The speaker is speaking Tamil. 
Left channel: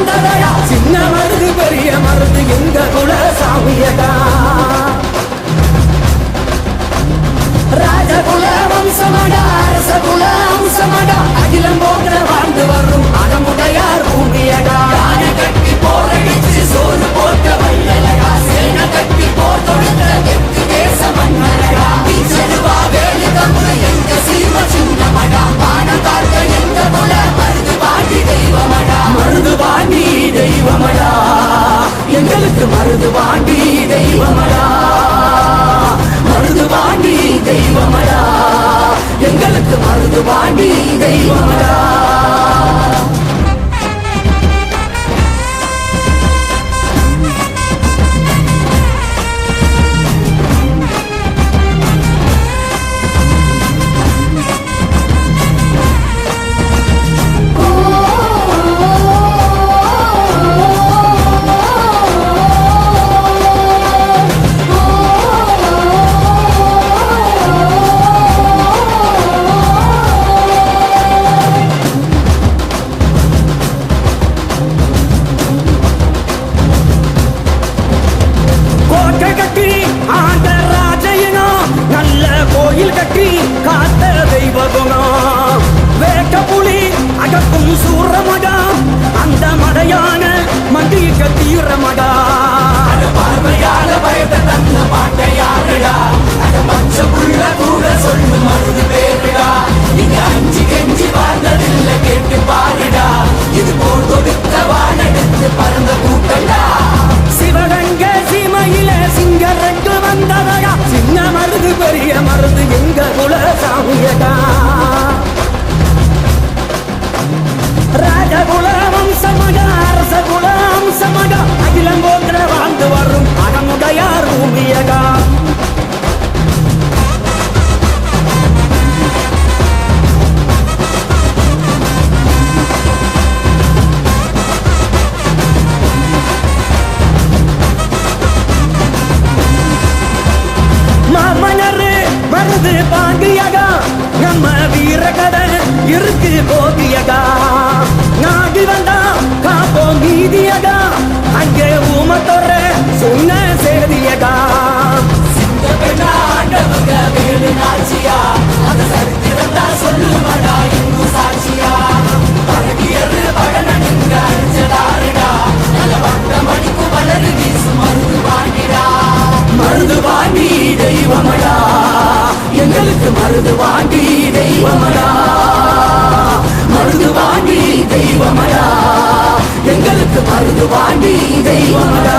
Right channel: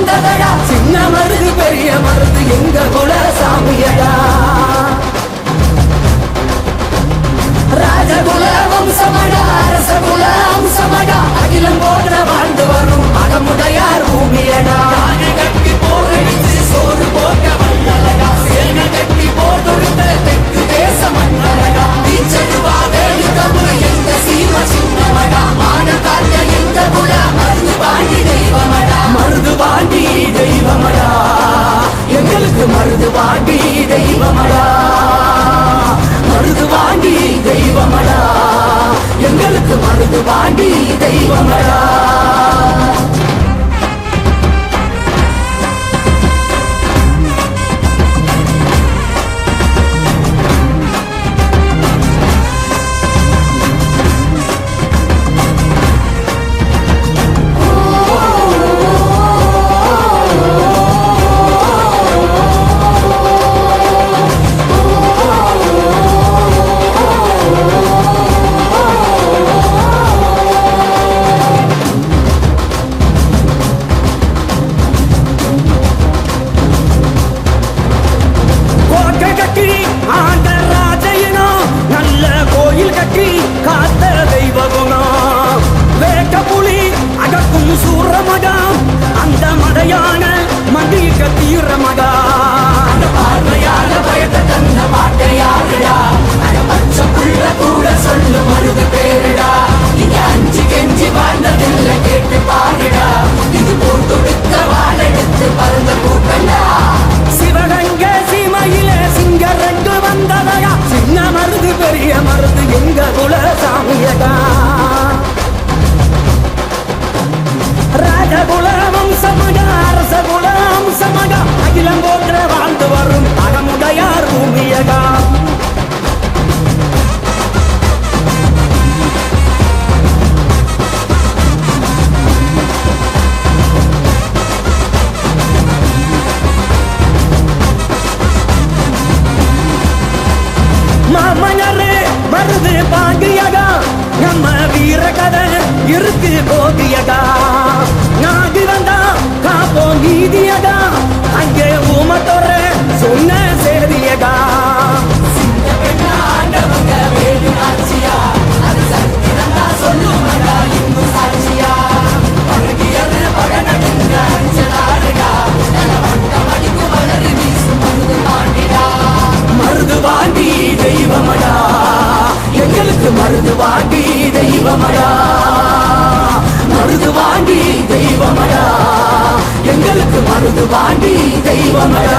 வந்ததடா சின்ன மருது பெரிய மருது எங்க குல சாமியடா ராஜகுல வம்சமடா அரசகுல அம்சமடா அகிலம் போன்ற வாழ்ந்து வரும் அகமுடையார் பூமியடா கட்டி போரடிச்சு சோறு போட்ட வல்லலடா சேன கட்டி போர் தொடுத்த தெற்கு தேச மன்னரடா நீச்சருவா வேலி கம்பு எங்க சீம சின்னமடா மான காக்க எங்க குல மருது வாண்டி தெய்வமடா மருது வாண்டி தெய்வமடா எங்களுக்கு மருது வாண்டி தெய்வமடா மருது வாண்டி தெய்வமடா எங்களுக்கு மருது வாண்டி தெய்வமடா கோயில் கட்டி காத்த தெய்வ குணம் வேட்ட புலி அகக்கும் சூரமடா அந்த மடையான மண்டிக்க தீரமடா கூட சொல்லு மருது பேருடா நீங்க அஞ்சு கெஞ்சி வாழ்ந்ததில்லை கேட்டு பாருடா இது போர் கொடுத்த வாழெடுத்து பறந்த கூட்டண்டா சிவகங்க சீமையில சிங்க ரெண்டு வந்ததடா சின்ன மருது பெரிய மருது எங்க குல சாமியடா ராஜகுல வம்சமடா அரசகுல அம்சமடா அகிலம் போன்ற வாழ்ந்து வரும் அகமுடையார் பூமியடா மாமனரு மருது பாண்டியடா நம்ம வீர கதை இருக்கு கோதியடா நாடி வந்தா காப்போ நீதியடா அங்கே ஊமத்தொர சொன்ன சேதியடா மருது வாண்டி தெய்வமடா எங்களுக்கு மருது வாண்டி தெய்வமடா மருது வாண்டி தெய்வமடா எங்களுக்கு மருது வாண்டி தெய்வமடா